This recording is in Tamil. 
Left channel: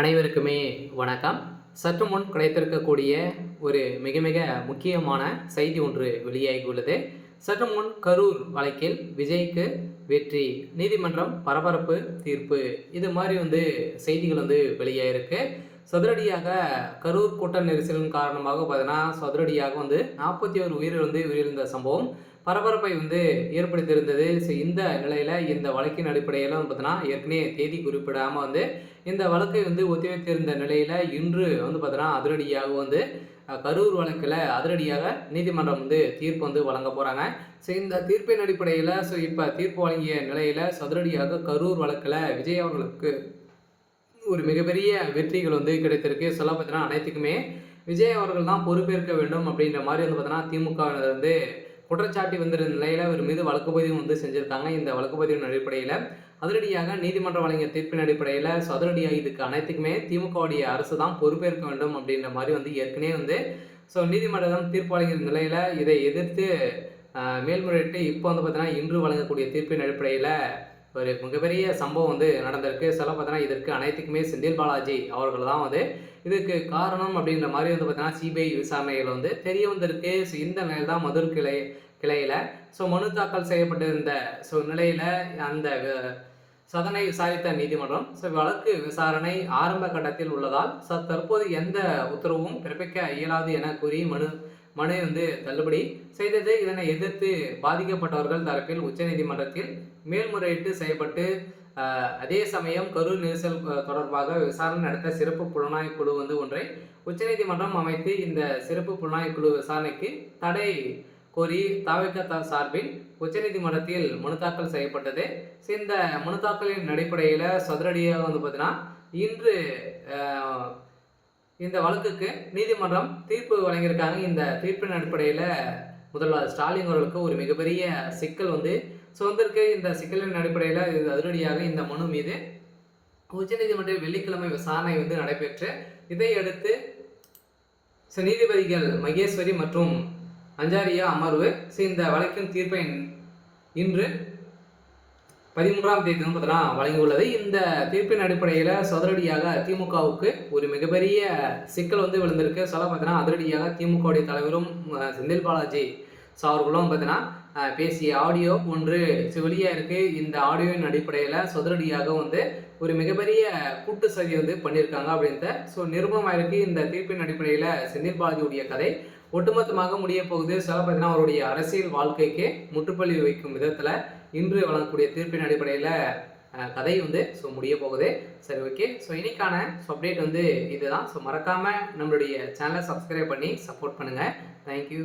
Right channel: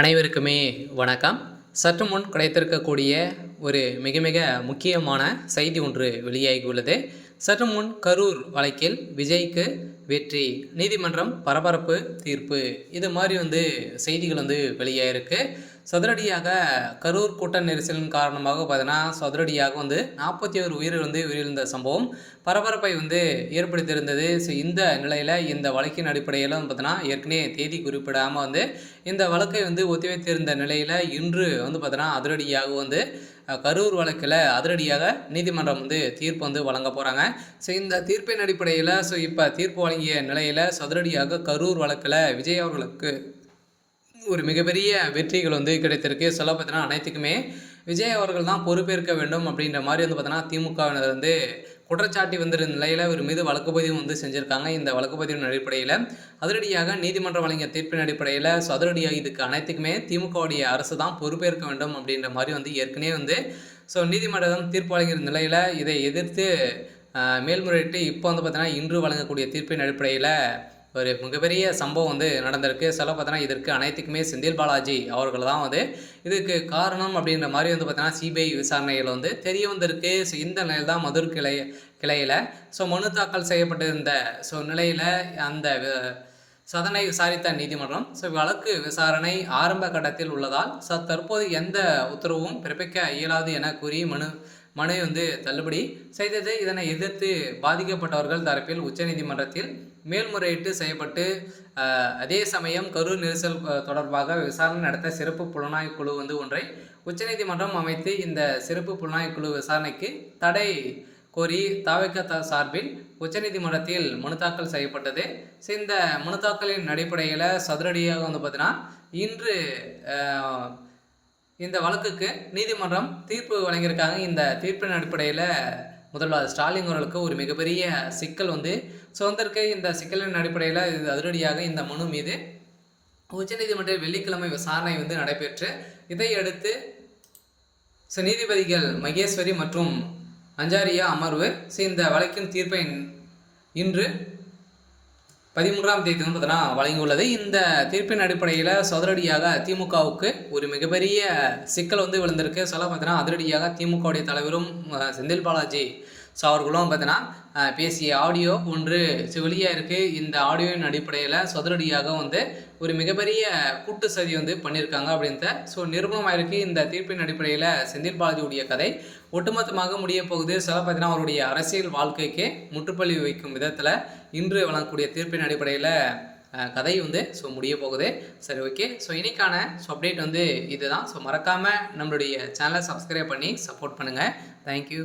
அனைவருக்குமே வணக்கம். சற்று முன் கிடைத்திருக்கக்கூடிய ஒரு மிக மிக முக்கியமான செய்தி ஒன்று வெளியாகியுள்ளது. சற்று முன் கரூர் வழக்கில் விஜய்க்கு வெற்றி, நீதிமன்றம் பரபரப்பு தீர்ப்பு, இது மாதிரி செய்திகள் வெளியாயிருக்கு. சதுரடியாக கரூர் கூட்ட நெரிசலின் காரணமாக பார்த்தீங்கன்னா சதுரடியாக 41 உயிர்கள் உயிரிழந்த சம்பவம் பரபரப்பை ஏற்படுத்தியிருந்தது. ஸோ இந்த நிலையில் இந்த வழக்கின் அடிப்படையில் பார்த்தீங்கன்னா ஏற்கனவே தேதி குறிப்பிடாமல் இந்த வழக்கை ஒத்திவைத்திருந்த நிலையில் இன்று பார்த்தீங்கன்னா அதிரடியாக கரூர் வழக்கில் அதிரடியாக நீதிமன்றம் தீர்ப்பு வழங்க போகிறாங்க. ஸோ இந்த தீர்ப்பின் அடிப்படையில் இப்போ தீர்ப்பு வழங்கிய நிலையில் சதுரடியாக கரூர் வழக்கில் விஜய் அவர்களுக்கு ஒரு மிகப்பெரிய வெற்றிகள் கிடைத்திருக்கு. சொல்ல பார்த்தீங்கன்னா அனைத்துக்குமே விஜய் அவர்கள் தான் பொறுப்பேற்க வேண்டும் அப்படின்ற மாதிரி பார்த்தீங்கன்னா திமுகவினர் குற்றச்சாட்டி வந்திருந்த நிலையில் அவர் மீது வழக்கு பதிவு செஞ்சுருக்காங்க. இந்த வழக்கு பதிவின் அடிப்படையில் அதிரடியாக நீதிமன்றம் வழங்கிய தீர்ப்பின் அடிப்படையில் அதிரடியாக இதுக்கு அனைத்துக்குமே திமுகவுடைய அரசு தான் பொறுப்பேற்க வேண்டும் அப்படின்ற மாதிரி ஏற்கனவே நீதிமன்றம் தீர்ப்பு வழங்கிய நிலையில் இதை எதிர்த்து மேல்முறையீட்டு இப்போ பார்த்தீங்கன்னா இன்று வழங்கக்கூடிய தீர்ப்பின் அடிப்படையில் ஒரு மிகப்பெரிய சம்பவம் நடந்திருக்கு. சொல்ல பார்த்தீங்கன்னா இதற்கு அனைத்துக்குமே செந்தில் பாலாஜி அவர்கள் தான் இதுக்கு காரணம் அப்படின்ற மாதிரி பார்த்தீங்கன்னா சிபிஐ விசாரணைகள் தெரிய வந்திருக்கு. ஸோ இந்த நிலையில் தான் மதுர் கிளையில் மனு தாக்கல் செய்யப்பட்டிருந்த நிலையில் அந்த சதனை விசாரித்த நீதிமன்றம் வழக்கு விசாரணை ஆரம்ப கட்டத்தில் உள்ளதால் தற்போது எந்த உத்தரவும் பிறப்பிக்க இயலாது என கூறி மனு தள்ளுபடி செய்தது. இதனை எதிர்த்து பாதிக்கப்பட்டவர்கள் தரப்பில் உச்சநீதிமன்றத்தில் மேல்முறையீட்டு செய்யப்பட்டு அதே சமயம் கரூர் நெரிசல் தொடர்பாக விசாரணை நடத்த சிறப்பு புலனாய்வு குழு ஒன்றை உச்சநீதிமன்றம் அமைத்து இந்த சிறப்பு புலனாய்வு குழு விசாரணைக்கு தடை கோரி தவிக சார்பில் உச்சநீதிமன்றத்தில் மனு தாக்கல் செய்யப்பட்டது. இந்த மனு தாக்கலின் அடிப்படையில் சதுரடியாக பார்த்தீங்கன்னா இன்று இந்த வழக்குக்கு நீதிமன்றம் தீர்ப்பு வழங்கியிருக்காங்க. இந்த தீர்ப்பின் அடிப்படையில் முதல்வர் ஸ்டாலின் அவர்களுக்கு ஒரு மிகப்பெரிய சிக்கல் வந்திருக்கு. இந்த சிக்கலின் அடிப்படையில் இது அதிரடியாக இந்த மனு மீது உச்சநீதிமன்ற வெள்ளிக்கிழமை விசாரணை நடைபெற்று இதையடுத்து நீதிபதிகள் மகேஸ்வரி மற்றும் அஞ்சாரியா அமர்வு இந்த வழக்கின் தீர்ப்பை இன்று 13ஆம் தேதி பார்த்தீங்கன்னா வழங்கியுள்ளது. இந்த தீர்ப்பின் அடிப்படையில் சதுரடியாக திமுகவுக்கு ஒரு மிகப்பெரிய சிக்கல் விழுந்திருக்கு. சொல்ல பார்த்தீங்கன்னா அதிரடியாக திமுகவுடைய தலைவரும் செந்தில் பாலாஜி அவர்களும் பார்த்தீங்கன்னா பேசிய ஆடியோ ஒன்று வெளியாக இருக்குது. இந்த ஆடியோவின் அடிப்படையில் சதுரடியாக ஒரு மிகப்பெரிய கூட்டு சதி பண்ணியிருக்காங்க அப்படின்ட்டு நிரூபணமாக இருக்குது. இந்த தீர்ப்பின் அடிப்படையில் செந்தில் பாலாஜியுடைய கதை ஒட்டுமொத்தமாக முடிய போகுது. சொல்ல பார்த்தீங்கன்னா அவருடைய அரசியல் வாழ்க்கைக்கு முற்றுப்புள்ளி வைக்கும் விதத்தில் இன்று வழங்கக்கூடிய தீர்ப்பின் அடிப்படையில் கதை முடிய போகுது. சரி, ஓகே. இன்னைக்கான அப்டேட் இதுதான். மறக்காமல் நம்மளுடைய சேனலை சப்ஸ்கிரைப் பண்ணி சப்போர்ட் பண்ணுங்கள். தேங்க்யூ.